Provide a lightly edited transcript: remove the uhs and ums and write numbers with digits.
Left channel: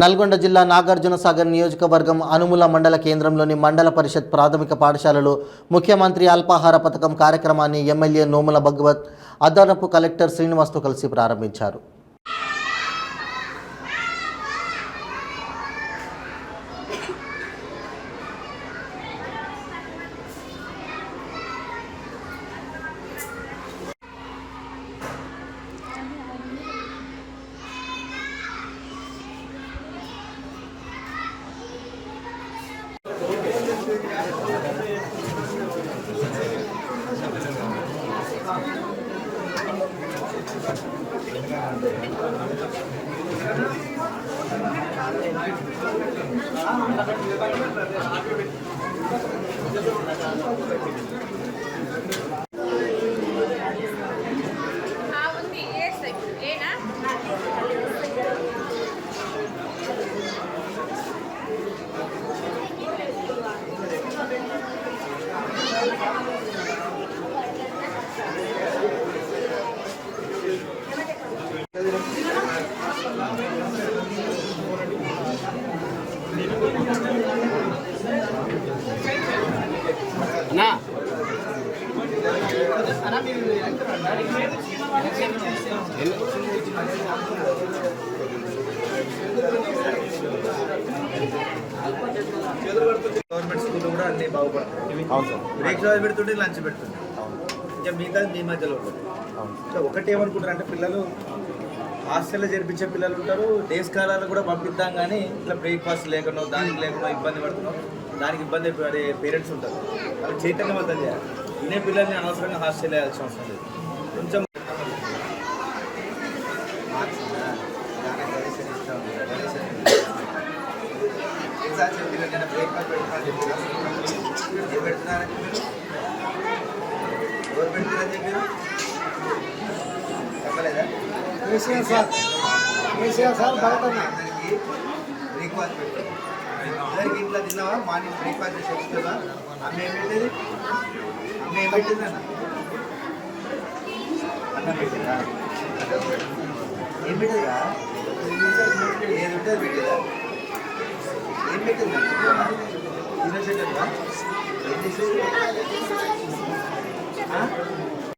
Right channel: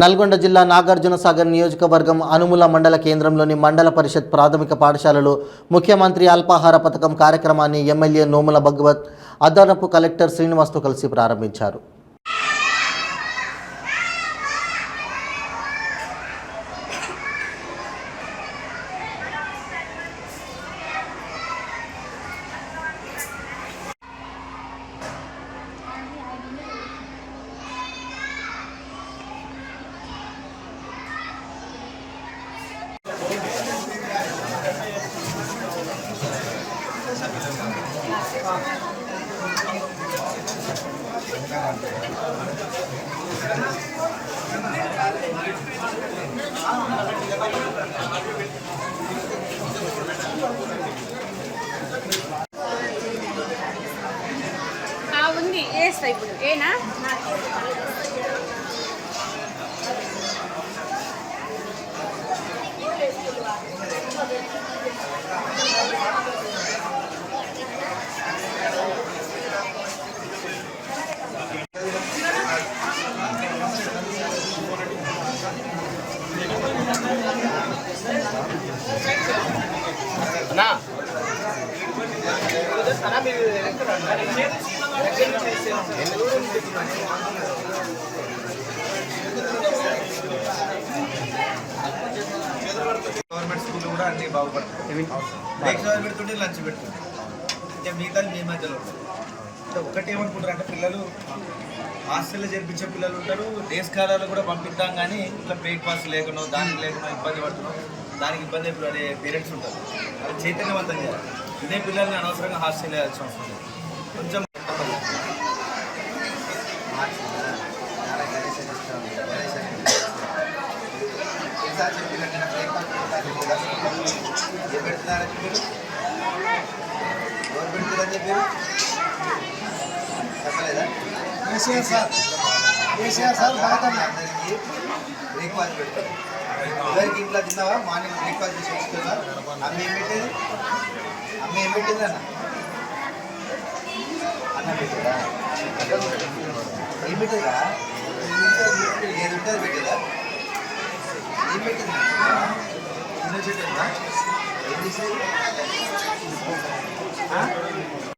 నల్గొండ జిల్లా నాగార్జునసాగర్ నియోజకవర్గం అనుముల మండల కేంద్రంలోని మండల పరిషత్ ప్రాథమిక పాఠశాలలో ముఖ్యమంత్రి అల్పాహార పథకం కార్యక్రమాన్ని ఎమ్మెల్యే నోముల భగవత్ అదనపు కలెక్టర్ శ్రీనివాస్తో కలిసి ప్రారంభించారు. నా గవర్నమెంట్ స్కూల్ కూడా అన్ని బాగుపడతాయి. బ్రేక్స్ పెడుతుంటే లంచ్ పెడుతుంటే ఇంకా మిగతా మీ మధ్యలో ఉంటుంది. ఒకటి ఏమనుకుంటారు అంటే పిల్లలు హాస్టల్లో చేర్పించే పిల్లలు ఉంటారు, డేస్ కాలాలు కూడా పంపిద్దాం కానీ ఇట్లా బ్రేక్ఫాస్ట్ లేకనో దానికి లేకనో ఇబ్బంది పడుతున్నాం, దానికి ఇబ్బంది పడే పేరెంట్స్ ఉంటారు. వాళ్ళు చైతన్యవంతం చేయాలి. ఇదే పిల్లల్ని అనవసరంగా హాస్టల్ వేయాల్సిన అవసరం లేదు. కొంచెం ఏం పెడుతున్నారని చెప్పారు, ఎవరు పెడుతున్నారని చెప్పారు చెప్పలేదా? అందరికీ బ్రేక్ఫాస్ట్ పెడతారు. అందరికి ఇంట్లో తిన్నావా? మార్నింగ్ బ్రేక్ఫాస్ట్ చేసి వస్తుందా? అమ్మ ఏం పెట్టేది? అమ్మ ఏం పెట్టింది అన్న? అన్నం పెట్టిందా? ఏం పెట్టిందా? ఏది ఉంటుంది పెట్టేదా? ఏం పెట్టిందా? తినేసేదా? ఏం చేసేది?